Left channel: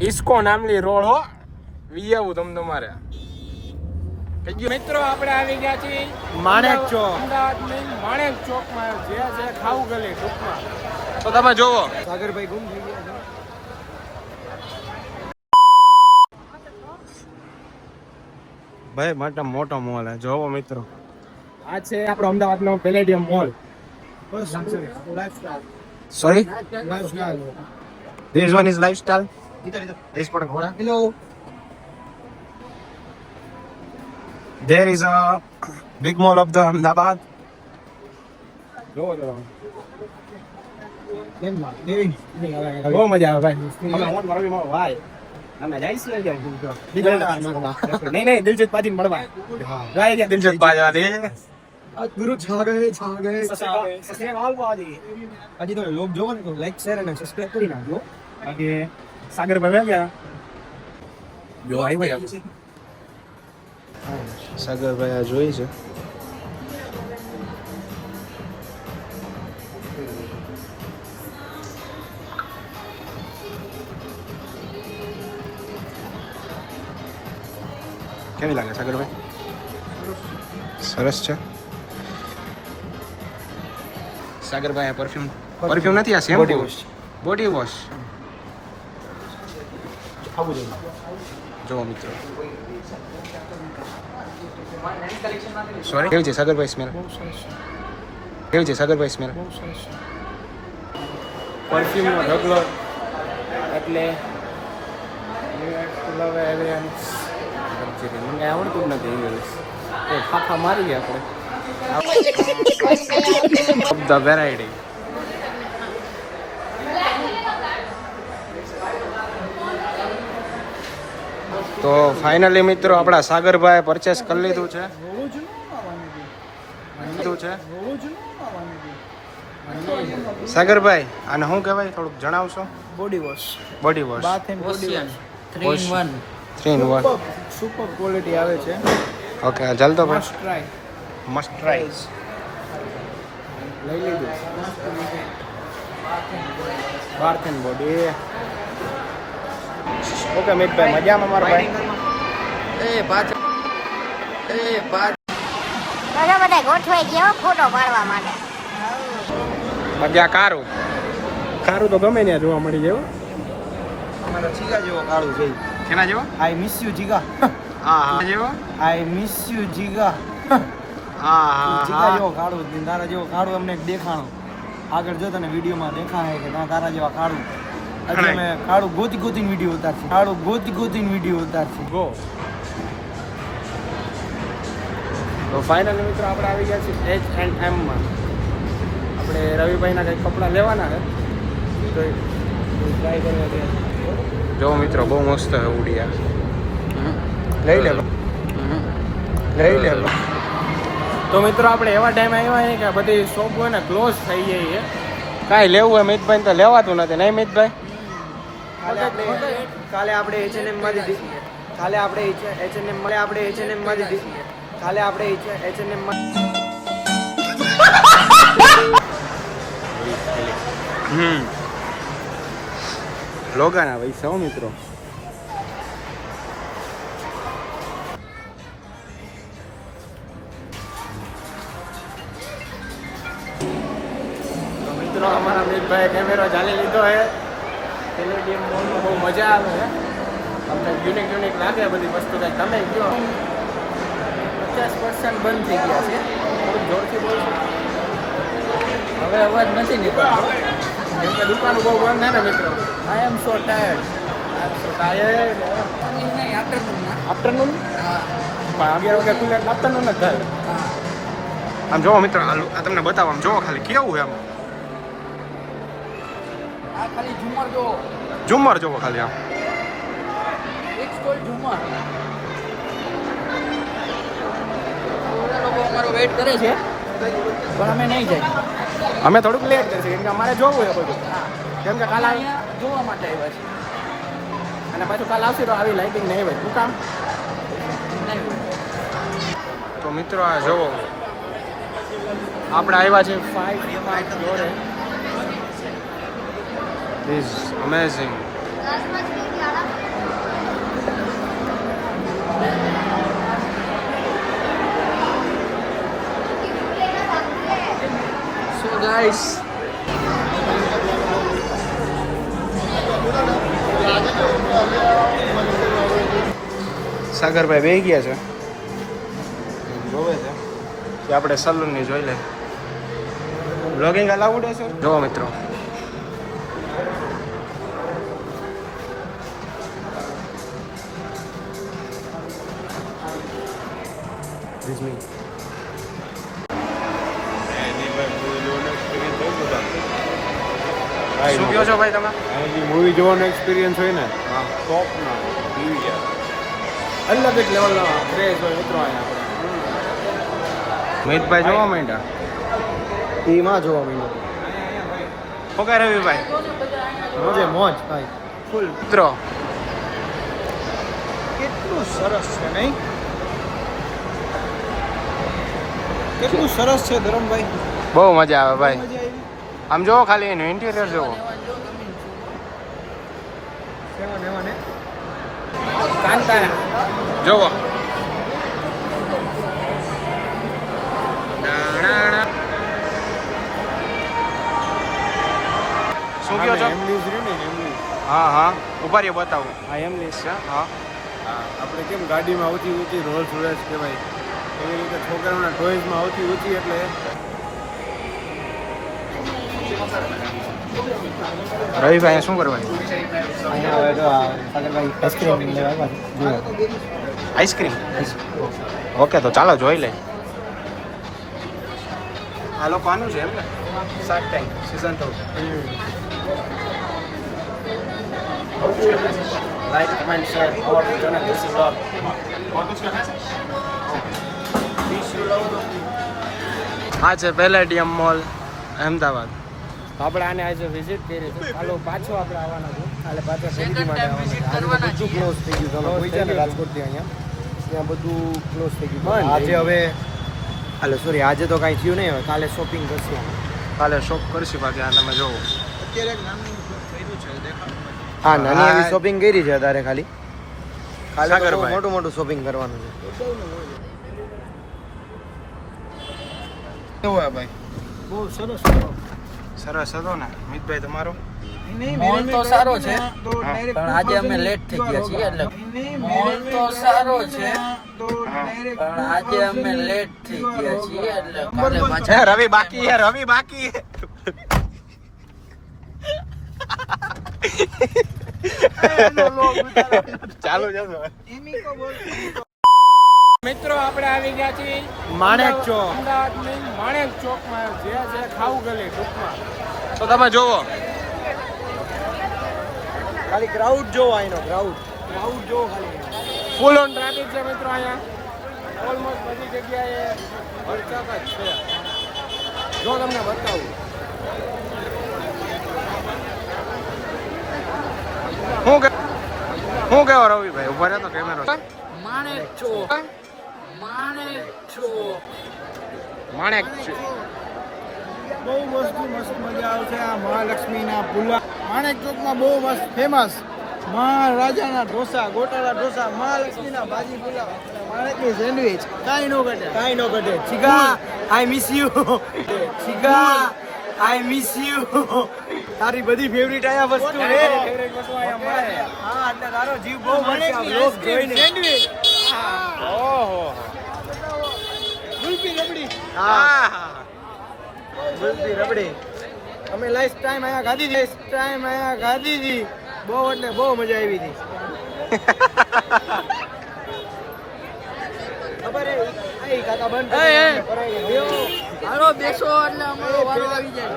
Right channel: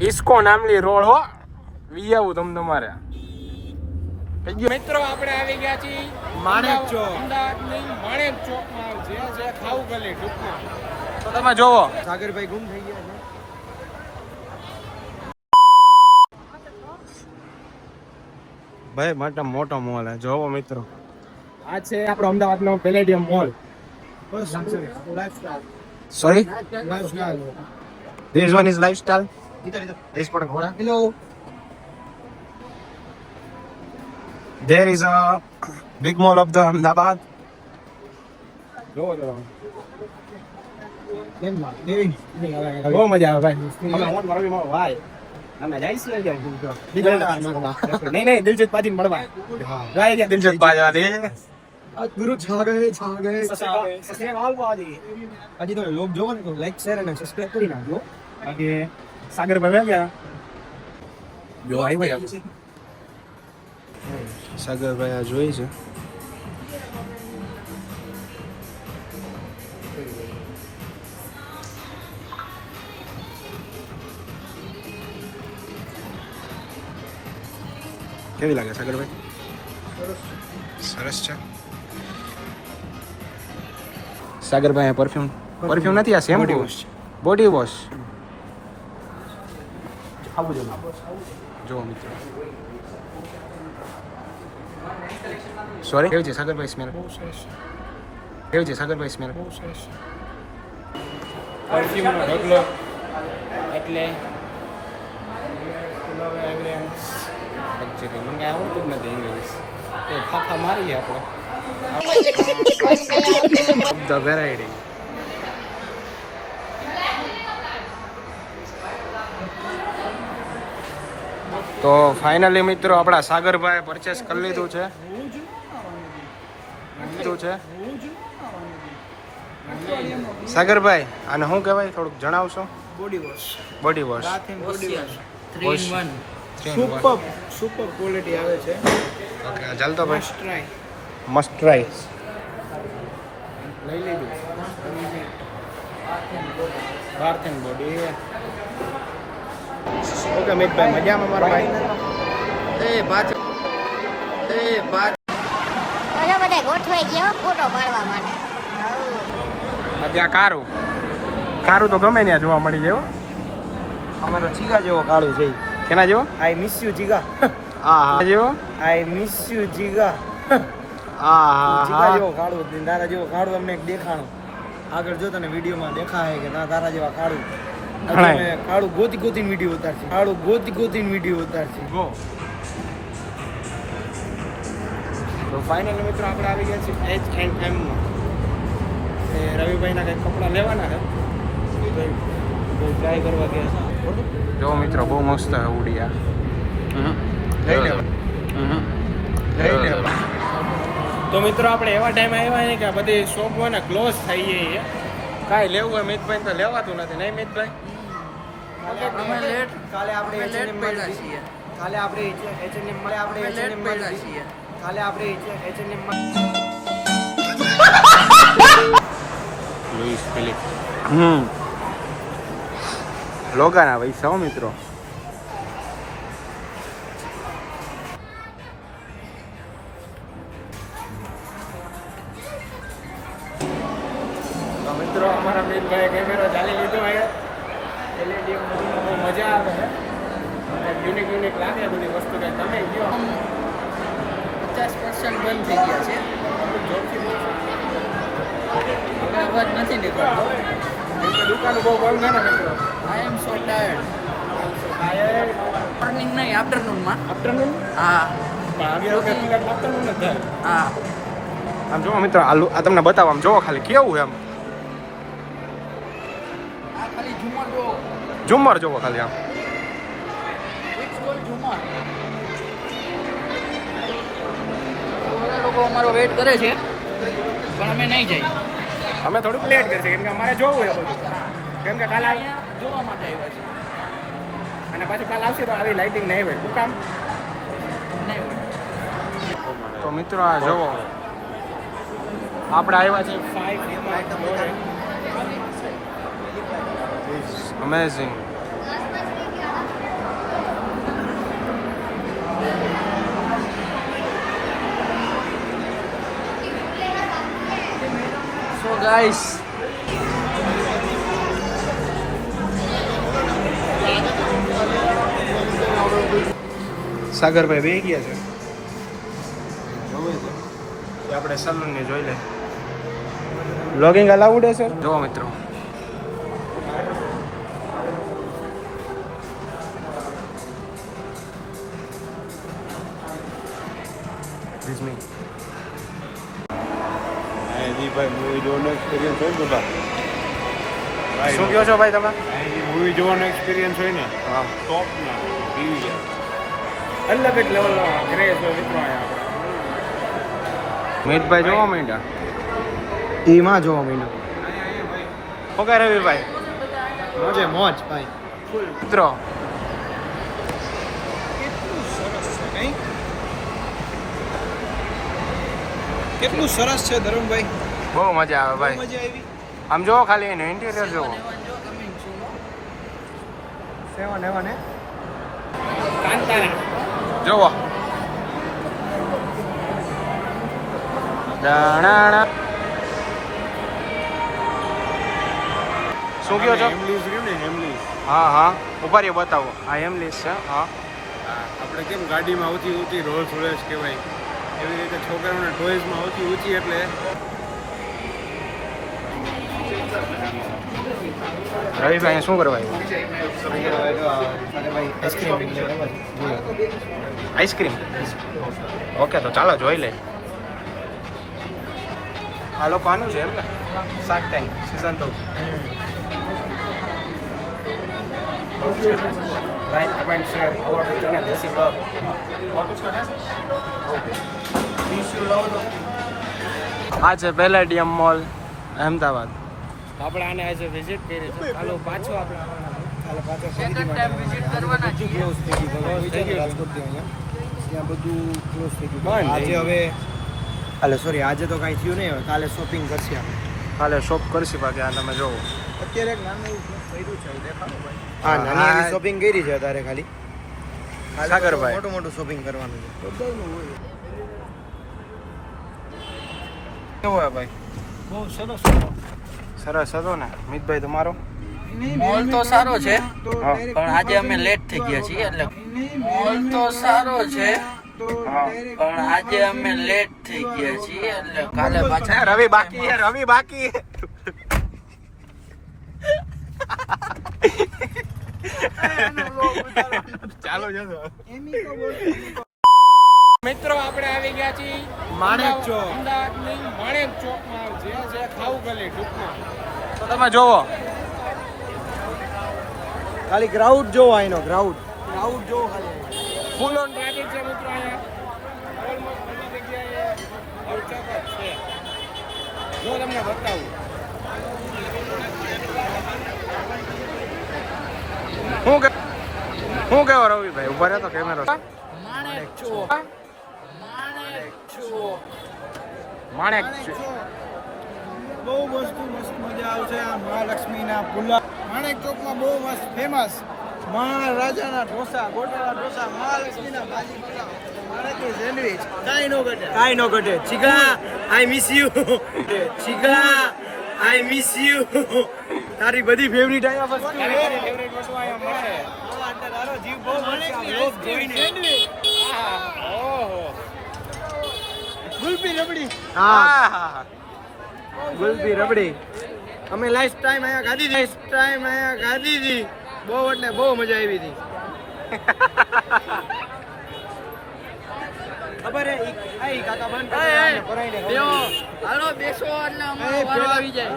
ઇસ્કો નામની રોડ હો વિયાવું તમારે મિત્રો આપણે આવી ગયા છીએ માણેક ચોક અમદાવાદની માણેક ચોકમાં જે છે ખાવું ગલી ટૂંકમાં તો તમે જોવો સાગરભાઈ ગુમ થઈ ગયા છે ભાઈ માટે મોટો મોલ હે જોવો મિત્રો આ છે આપણો અમદાવાદનો Palladium mall sorry This one is lifestyle. This one is hello. There is a big mall of the Ahmedabad. બહુ મજા આવે ભાઈ નહીં દિલજીત પાજી મળવા દિલજીત પાજી ગુરુ છા ગયે હજી તો લોક જોવો ને તો લાઈક શેર અને સબસ્ક્રાઇબ કરી નાખજો બાકી સાગરભાઈ ગયા જો આવી સાગરભાઈ આ જોઈ છે કેવી લાગે સાગરભાઈ સરસ છે સાગરભાઈ પરફ્યુમ નથી આ શેમ્પુ બોડી વોશ આવું જોઈએ જો મિત્રો સોરી કેવું છે સાગરભાઈ સ્મેલ કેવું છે સાગરભાઈ સ્મેલ પરફ્યુમનો ઢગલો એટલે મને આવડતું જ નથી ઇંગ્લિશ તો ફાફા મારીએ આપણે ધ વેરાયટી તો ફાઇનલી મિત્રો આપણા સાગરભાઈ પરચેસ કરી લીધું છે સાગરભાઈ આને શું કહેવાય થોડુંક જણાવશો body wash bath and body wash 3 in 1 super quality આવે છે ઓકે જલ્દો ભાઈ મસ્ટ ટ્રાય લઈ લીધું બાથ એન્ડ બોડી ઓકે મિતભાઈ મજામાં મારો ભાઈ બધા ગોઠવાઈ ગયા ફોટો પાડવા માટે મજા કારું તો ગમે ત્યાં જોવા મળી જાય અમે તો જીગા જેવો કાળું છે કેના જેવો આઈ મિસ યુ જીગા હા જેવો આઈ મિસ યુ જીગા હા જીગા જેવો કાળું તારા જેવો કાળું અમને દેખાણું આગળ જો તને વિડીયોમાં દેખાય કે તારા જેવા કાળું કાળું ગોતીને વિડીયો ઉતારશે ગોતીને વિડીયો ઉતારશે ગો તો ફાઇનલ મિત્રો આપણે આવી ગયા છીએ H&M માં આપણે રવિભાઈના કંઈક કપડાં લેવાના છે તો ટ્રાય કરવા ગયા જો મિત્રો બહુ મસ્ત છે ઉડિયા લઈ લે તો મિત્રો આપણે એવા ટાઈમ આવ્યા છે કે બધી શોપ હોય ને ક્લોઝ થઈ જાય કાંઈ લેવું હોય મિતભાઈ તો લેવાતું નથી નહીં મિતભાઈ કાલે આપણે H&M મળ્યા છીએ કાલે આપણે H&M લોગાના પૈસા મિત્રો મિત્રો અમારા મિતભાઈ કેમેરો ચાલી લીધો છે પેલેડિયમ મોલમાં બહુ મજા આવે છે અમને યુનિક લાગે બધી વસ્તુ કંઈ તમે કહો 50% બંધ થઈ ગયા છે થોડુંક જોરથી બોલશો હવે અવાજ નથી નીકળતો કેમ કે દુકાનો બહુ બંધ છે ને મિત્રો આઈ એમ સો ટાયર્ડ મોર્નિંગ નહીં આફ્ટરનૂન હા પણ 11 વાગે ખુલ્લા આફ્ટરનૂન જ થાય હા આમ જોવો મિત્રો આ તમને બતાવો આમ જોવો ખાલી કેવું એમ આ ખાલી ઝુમર જો ઝુમર જોવો ખાલી આમ એક સ્ટોલ ઝુમર લોકો અમારો વેઇટ કરે છે પણ અમે નહીં જઈએ અમે થોડુંક લેટ કરશે કેમ કે અમારે જોવું છે બધું કેમ કે કાલ જોવા માટે આવ્યા છે અને પાછું કાલ આવશે તો આવી લાઇટિંગ નહીં હોય શું કામ તો મિત્રો આ જોવો આપણે આવ્યા છીએ 5 ફ્લોરે ઇઝ અમેઝિંગ ગાઈસ. સાગરભાઈ બે ગયા છે જોવે છે કે આપણે સલૂન ની જોઈ લે. બ્લોગિંગ અલાઉડ હશે? જો મિત્રો This me. શું કહો છો ભાઈ તમે? મૂવી જોવાનો એક્સપિરિયન્સ હોય ને હા, ટોપ ના અલગ જ લેવલનો ક્રેઝ હોય મિત્રો અહીંયા આપણે. મિતભાઈ જોવા માંડ્યા. ટીમાં જોવા મળ્યો શું કહે રવિભાઈ? મોજે મોજ ભાઈ. મિત્રો કેટલું સરસ છે ધરમભાઈ. બહુ મજા આવે ભાઈ. મજા આવી. આમ જોવો ખાલી એનું ઇન્ટિરિયર જોવો. સેવન એવન હે કાંતારા જોવો. દાણાણા. શું કહો છો? હેમલીઝ રહ્યું ને હેમલીઝ. હા હા ઉભા રહ્યો બતાવો. હા એમલીસ છે. હા આપણે કેમ ગાડીમાં ઊંચી ઊંચી રોલ્સ રોયસ કહેવાય એવી રીતે છોકરાઓના ટોયઝમાં ઊંચી ઊંચી એટલે રવિભાઈ શું કરવા આઈસ્ક્રીમ? ઓકે તો ચાલો જોઈ લે. આ લોકો આનું છે એમ ને shark tank season 2. Like comment share our channel this is vlog. આ છે પેલેડિયમ મોલ અહેમદાબાદ. આપણે આને આજે વિઝિટ કરી છે. કાલે પાછો આપણે આવવાના છે. કાલે પાછા ખરીદી માટે વિઝિટ આવવાના છે. કરવાના બધું ક્લોઝ થઈ ગયું. તમે Close કોઈ થઈ છે ને ગયું. રાજકોટથી અહીંયા ત્યાં બધું ક્લોઝ થઈ ગયું. બંધ આજે થઈ ગયું. હવે સોરી આજે તો કાંઈ થયું નહીં. હવે કાલે શોપિંગ કરશે આપણે. કાલે શોપ કરશી બાકી આ તમે જોવો. અત્યારે નાનું કર્યું છે દેખાડો ભાઈ. હા, હા નાની હા. શોપિંગ કરી છે અત્યારે ખાલી. કાલે તો સાગરભાઈ. મોટું મોટું શોપિંગ કરવાનું છે. કેવું હે ભાઈ? બહુ સરસ સરસ હતો ને મિતભાઈ તમારો? મોલ તો સારો છે હા પણ આજે અમે લેટ થઈ ગયા છીએ એટલે મોલ તો સારો છે પણ આજે અમે લેટ થઈ ગયા છીએ એટલે કાલે પાછા હે રવિ બાકી હે રવિ બાકી હે. ચાલો જજો. મિત્રો આપણે આવી ગયા છીએ માણેક ચોક. અમદાવાદની માણેક ચોકમાં જે છે ખાવું ગલી ટૂંકમાં. તો તમે જોવો ખાલી ક્રાઉડ જોવો અહીંનો ક્રાઉડ જોવો ખાલી અહીંનો. ફૂલ ઓન ટ્રાફિક છે મિત્રો અહીંયા. ઓલમોસ્ટ બધી જગ્યાએ હરચક જ છે. જો તમને બતાવું હું કેવો રવિભાઈ ઉભા રહ્યો તો કેમેરો માણેક ચોક માણેક બહુ વસ્તુ મસ્ત મજા આવશે. આ મહાલક્ષ્મીના પુલા માણેક ચોકમાં બહુ મસ્ત ફેમસ મહારાજાના ઢોસા ગોટાળા ઢોસા મહાલક્ષ્મીના ભાજી પુલાવ મહારાજની સેન્ડવિચ કાંઈ નો ઘટે. ચિગા આઈ મિસ યુ. ચિગા આઈ મિસ યુ. તારી બધી ફેવરિટ આયા વસ્તુ ફેવરેટ વસ્તુ અહીંયા મળે. હા એટલે તારો જીવ બહુ મળશે આ બ્લોગ જોઈને. ઓહો ગુલપી રબડી હા ગુલપી રબડી અમે લાસ્ટ ટાઈમ અહીંયા ખાધી હતી. બહુ એટલે બહુ મજા આવી હતી. ખબર હે આઈ કાકા બંધ હાલો બેસો એટલે અમારો વારો આવી જાય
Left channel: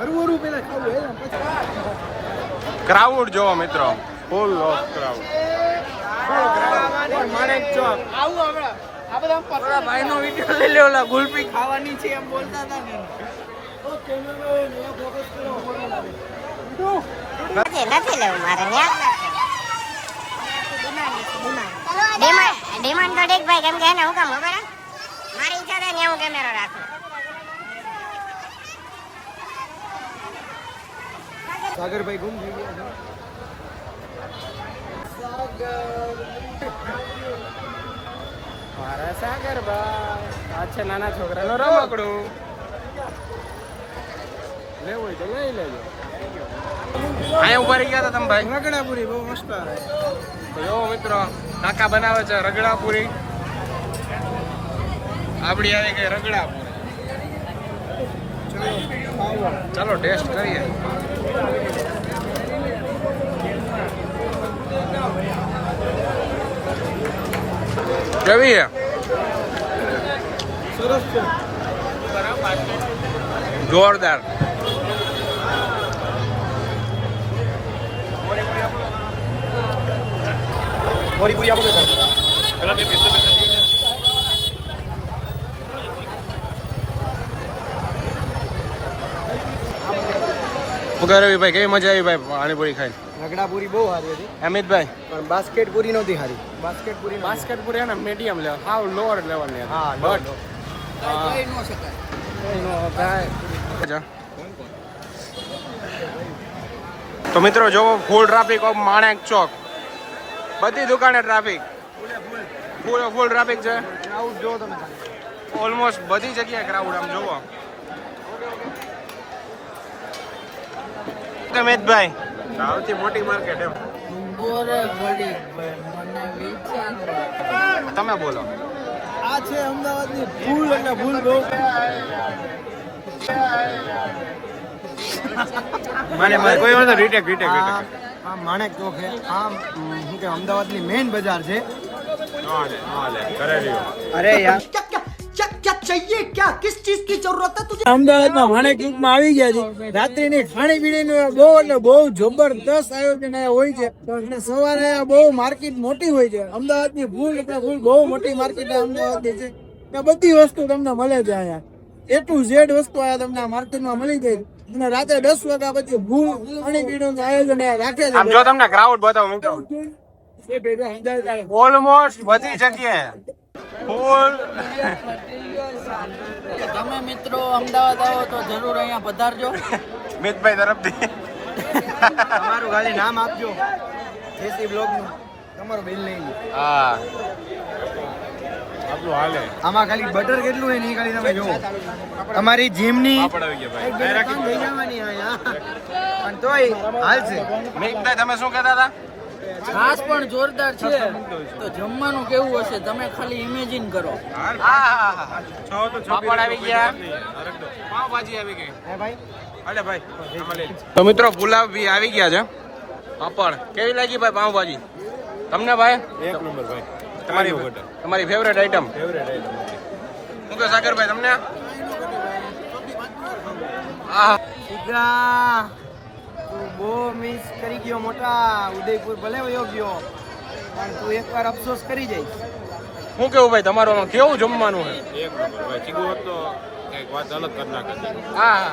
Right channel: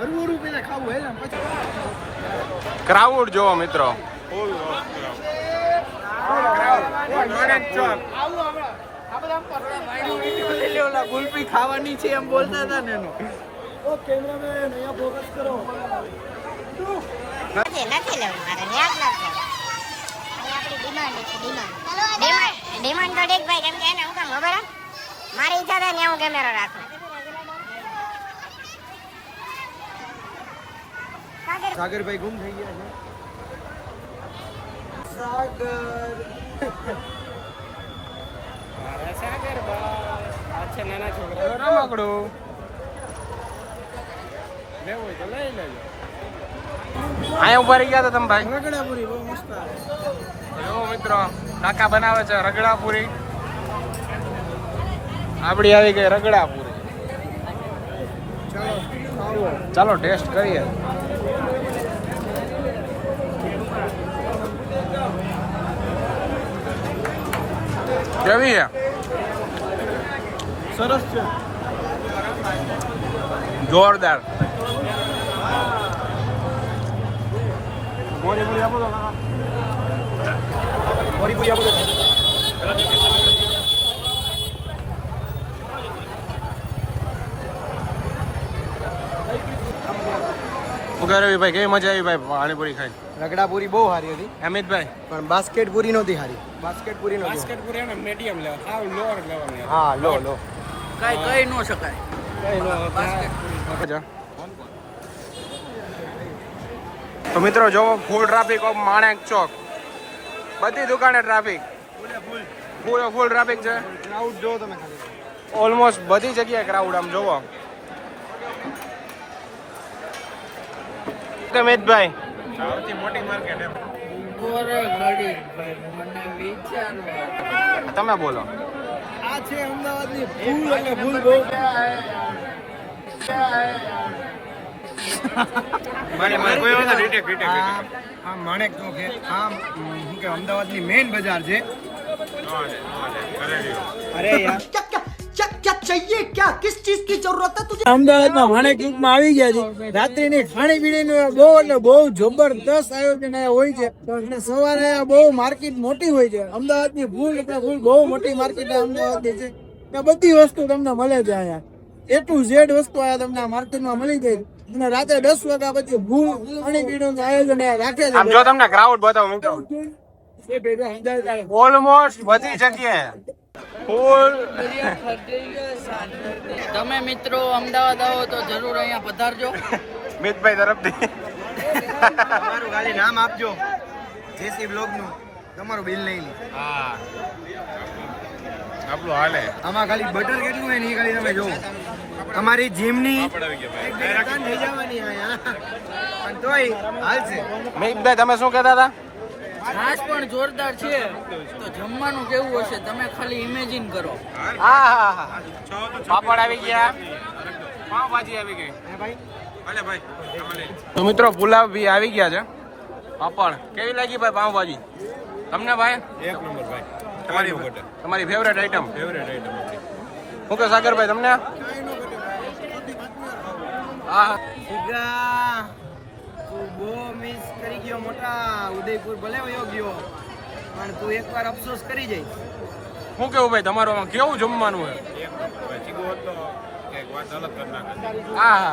હરવું પેલા ખાવું હે પછી ક્રાઉડ જોવો મિત્રો. Full of crowd. Manek Chowk આપણા ભાઈનો વિડિયો લઈ લે ઓલા ગુલપી ખાવાની છે એમ બોલતા હતા ને એનો ઓ કેમેરામેન અહીંયા ફોકસ કરો. નથી લેવું મારે ન્યાજ નથી ડિમાન્ડ તો દેખ ભાઈ કેમ કે એને હું કામ ખબર હે? મારી ઈચ્છા થાય ને હું કેમેરો રાખું. સાગરભાઈ ગુમ થઈ ગયા છે. મારા સાગરભાઈ આ છે નાના છોકરાનો રમકડું. લેવું હોય તો લઈ લેજો. અહીંયા ઉભા રહી ગયા હતા તમે ભાઈ? રગડાપુરી બહુ મસ્ત આવે. તો જો મિત્રો કાકા બનાવે છે રગડાપુરી. આપડી આવી ગઈ રગડાપુરી. ચલો ખાવો. ચાલો ટેસ્ટ કરીએ. કેવી છે? સરસ છે. જોરદાર. રવિભાઈ કેવી મજા આવી ભાઈ પાણીપુરી ખાઈ? રગડાપુરી બહુ સારી હતી. અમિતભાઈ બાસ્કેટ પૂરી નહોતી સારી. બાસ્કેટપુરી ને મીડિયમ લેવલ, હાવ લોઅર લેવલ ની. હા લો. કઈ ન શકાય. તો મિત્રો જોવો full traffic of Manek Chowk. બધી દુકાને ટ્રાફિક, ફૂલ ટ્રાફિક છે. ક્રાઉડ જો તમે ખાલી. ઓલમોસ્ટ બધી જગ્યાએ ક્રાઉડ આમ જોવો. મિતભાઈ સૌથી મોટી માર્કેટ એમ ઘડી મને વિચારવા. તમે બોલો. આ છે અમદાવાદની ફૂલ એટલે ફૂલ બહુ. આ માણેક ચોક છે. આ શું કે અમદાવાદની મેઇન બજાર છે. અરે યાર क्या चाहिए क्या किस चीज की जरूरत है तुझे? અમદાવાદમાં માણેક ચોકમાં આવી ગયા છે. રાત્રિની ખાણીપીણીનું બહુ એટલે બહુ જબરદસ્ત આયોજન અહીંયા હોય છે. અને સવારે અહીંયા બહુ માર્કેટ મોટી હોય છે. અમદાવાદની ફૂલ એટલે ફૂલ બહુ મોટી માર્કેટ અમદાવાદની છે. ત્યાં બધી વસ્તુ તમને મળે છે. અહીંયા A to Z વસ્તુ અહીંયા તમને આ માર્કેટમાં મળી જાય. અને રાતે 10 વાગ્યા પછી ફૂલ ખાણીપીણીનું આયોજન અહીંયા રાખે છે. આમ જો તમને ક્રાઉડ બતાવો મિત્રો, ઓલમોસ્ટ બધી જગ્યાએ ફૂલ. તમે મિત્રો અમદાવાદ આવો તો જરૂર અહીંયા પધારજો. મિતભાઈ તરફથી તમારું ખાલી નામ આપજો જેસી બ્લોગનું. તમારું બિલ નહીં. હા આપણું હાલે. આમાં ખાલી બટર કેટલું હોય ને એ ખાલી તમે જોવો. અમારી જીમની એક બે દુકાન થઈ જવાની અહીંયા. પણ તોય હાલશે. મિતભાઈ તમે શું કહેતા હતા? છાશ પણ જોરદાર છે. તો જમવાનું કેવું હશે તમે ખાલી ઇમેજિન કરો. હા પાપડ આવી ગયા, પાવભાજી આવી ગઈ. તો મિત્રો પુલાવ બી આવી ગયા છે. પાપડ કેવી લાગી ભાઈ પાવભાજી તમને ભાઈ? એક નંબર ભાઈ. તમારી ફેવરેટ આઈટમ? ઓકે સાગરભાઈ તમને? હા તું બહુ મિસ કરી ગયો મોટા. ઉદયપુર ભલે વયો ગયો પણ તું એકવાર અફસોસ કરી જઈશ. શું કેવું ભાઈ તમારું આમાં કેવું જમવાનું છે? હા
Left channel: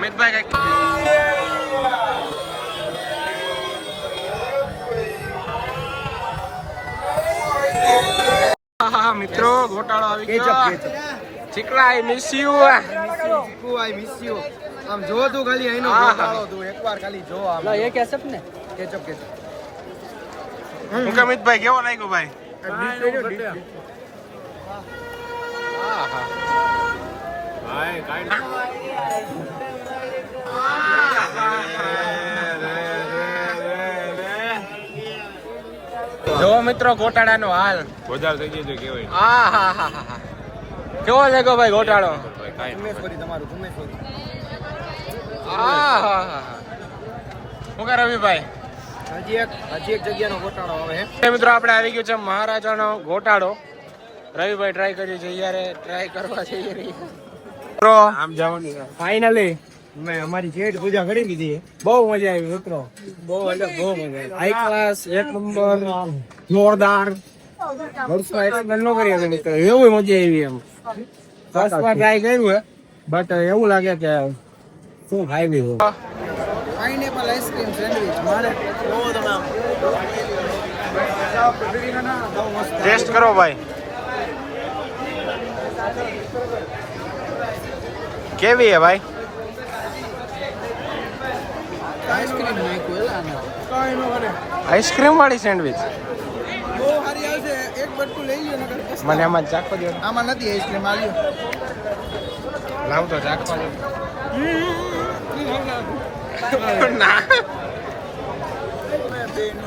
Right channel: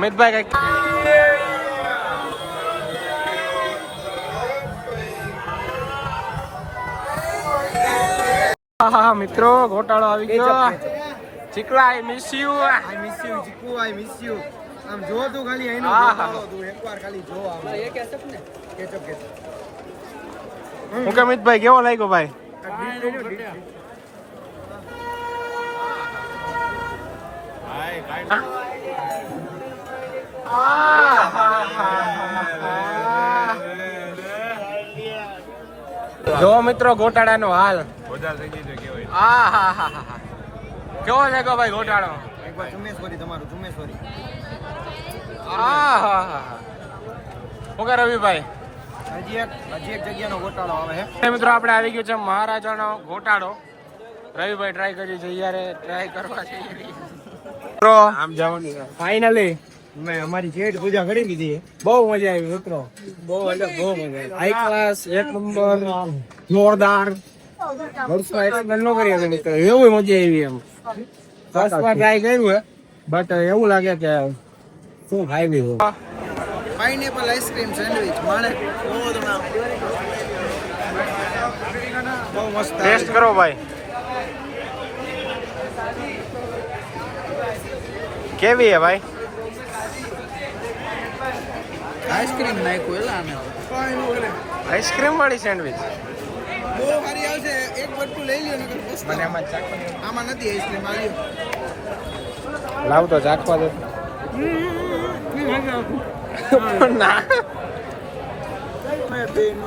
મિતભાઈ કઈક હા મિત્રો ઘોટાળો આવી ગયો. ચીકલા I miss you. I miss you Chiku. I miss you. આમ જો તું ખાલી અહીંનો ઘોટાળો તું એકવાર ખાલી જો. આમ એ કેસપ ને કેચપ. હું કે મિતભાઈ કેવો લાગ્યો ભાઈ? જો મિત્રો ગોટાળાનો હાલ કેવો લાગ્યો ભાઈ ગોટાળો? એકવાર જુમેશ્વરી તમારું જુમેશ્વરી. શું કે રવિભાઈ હજી એક જગ્યાનો ગોટાળો આવે મિત્રો આપણે આવી ગયો છે મહારાજાનો ગોટાળો. રવિભાઈ ટ્રાય કરી છે યારે ટ્રાય કરવા જઈએ મિત્રો. આમ જવાનું ફાઇનલી મેં અમારી ચેટ પૂજા કરી દીધી. બહુ મજા આવી મિત્રો, બહુ એટલે બહુ મજા આવી. હાઈ ક્લાસ એક નંબર જોરદાર. વર્ષો એક્સપ્લેન ન કરી હતી મિત્રો, એવું મજા આવી. એમ ફર્સ્ટ વાર ટ્રાય કર્યું હે બટ એવું લાગે કે શું ખાઈ લીધું. પાઇનેપલ આઈસ્ક્રીમ સેન્ડવિચ માણે બહુ મસ્ત. ટેસ્ટ કરો ભાઈ કેવી હે ભાઈ? આઈસ્ક્રીમ નાખ્યું આને. આઈસ્ક્રીમ વાળી સેન્ડવિચ બહુ સારી આવશે. એક બટકું લઈ લ્યો નકર બસ. મને એમાં ચાખવા દો. આમાં નથી આઈસ્ક્રીમ. આ લ્યો. લાવ તો ચાખવા દો. ના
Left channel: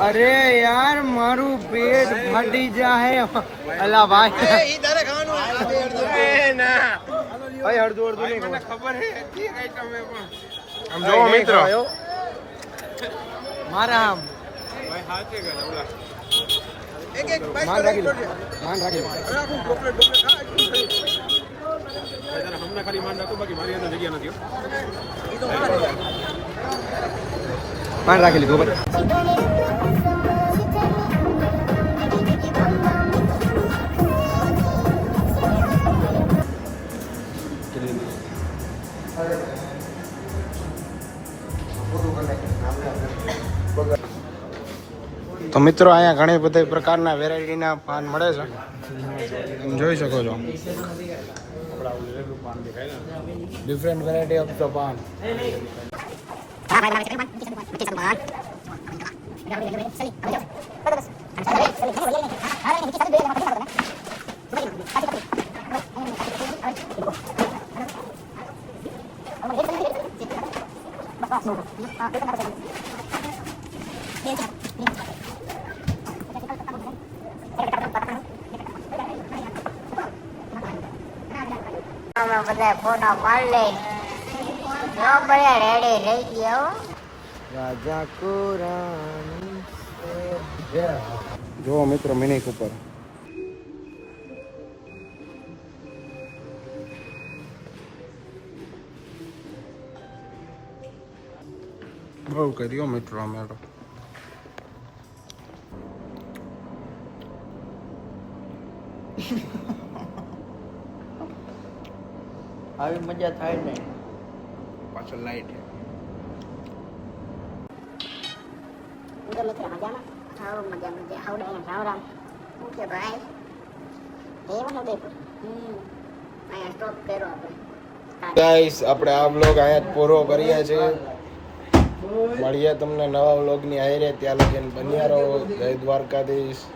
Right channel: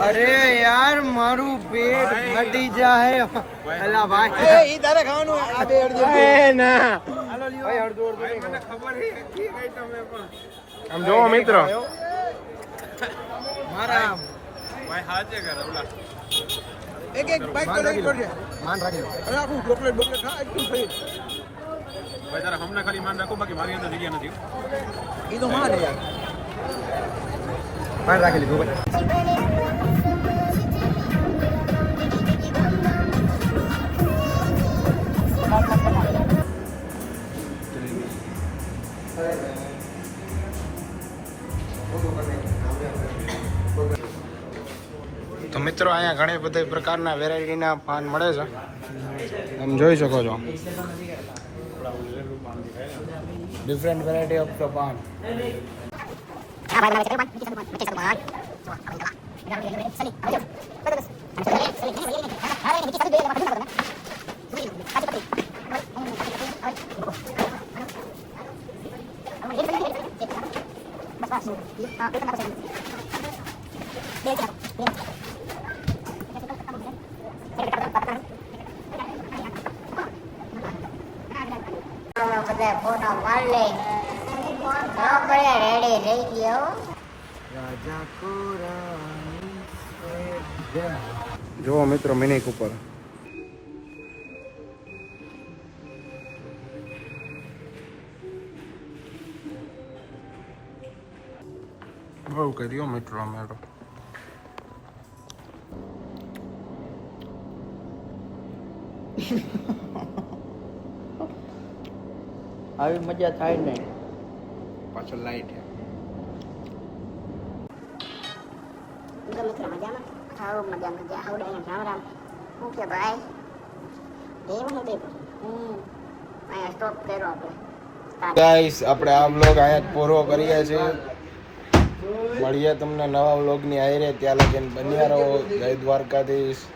અરે યાર મારું પેટ ફાટી જાય અલા ભાઈ ના આમ જોવો મિત્ર મારા આમ માન રાખી લો માન રાખી લો હમણાં ખાલી માન રાખો બાકી મારી અંદર જગ્યા નથી માન રાખી લીધું બરાબર તો મિત્રો અહીંયા ઘણી બધી પ્રકારના વેરાયટીના પાન મળે છે તમે જોઈ શકો છો ડિફરન્ટ વેરાયટી ઓફ ધ પાન બધા ફોટા પાડ લે બધા રેડી લઈ ગયો રાજા કોરાની જુઓ મિત્રો મિની કૂપર બહુ કર્યો મિત્રો અમે તો આવી મજા થાય ને પાછળ લાઈટ છે મિત્રો મજામાં આવો મજા આવડે રામ રામ ઓકે ભાઈ દેવાનું ઉદયપુર અહીંયા સ્ટોપ કર્યો આપણે ગાઈસ આપણે આ વ્લોગ અહીંયા જ પૂરો કરીએ છીએ મળીએ તમને નવા વ્લોગની હારે ત્યાં લગીને બન્યા રહો જય દ્વારકાધીશ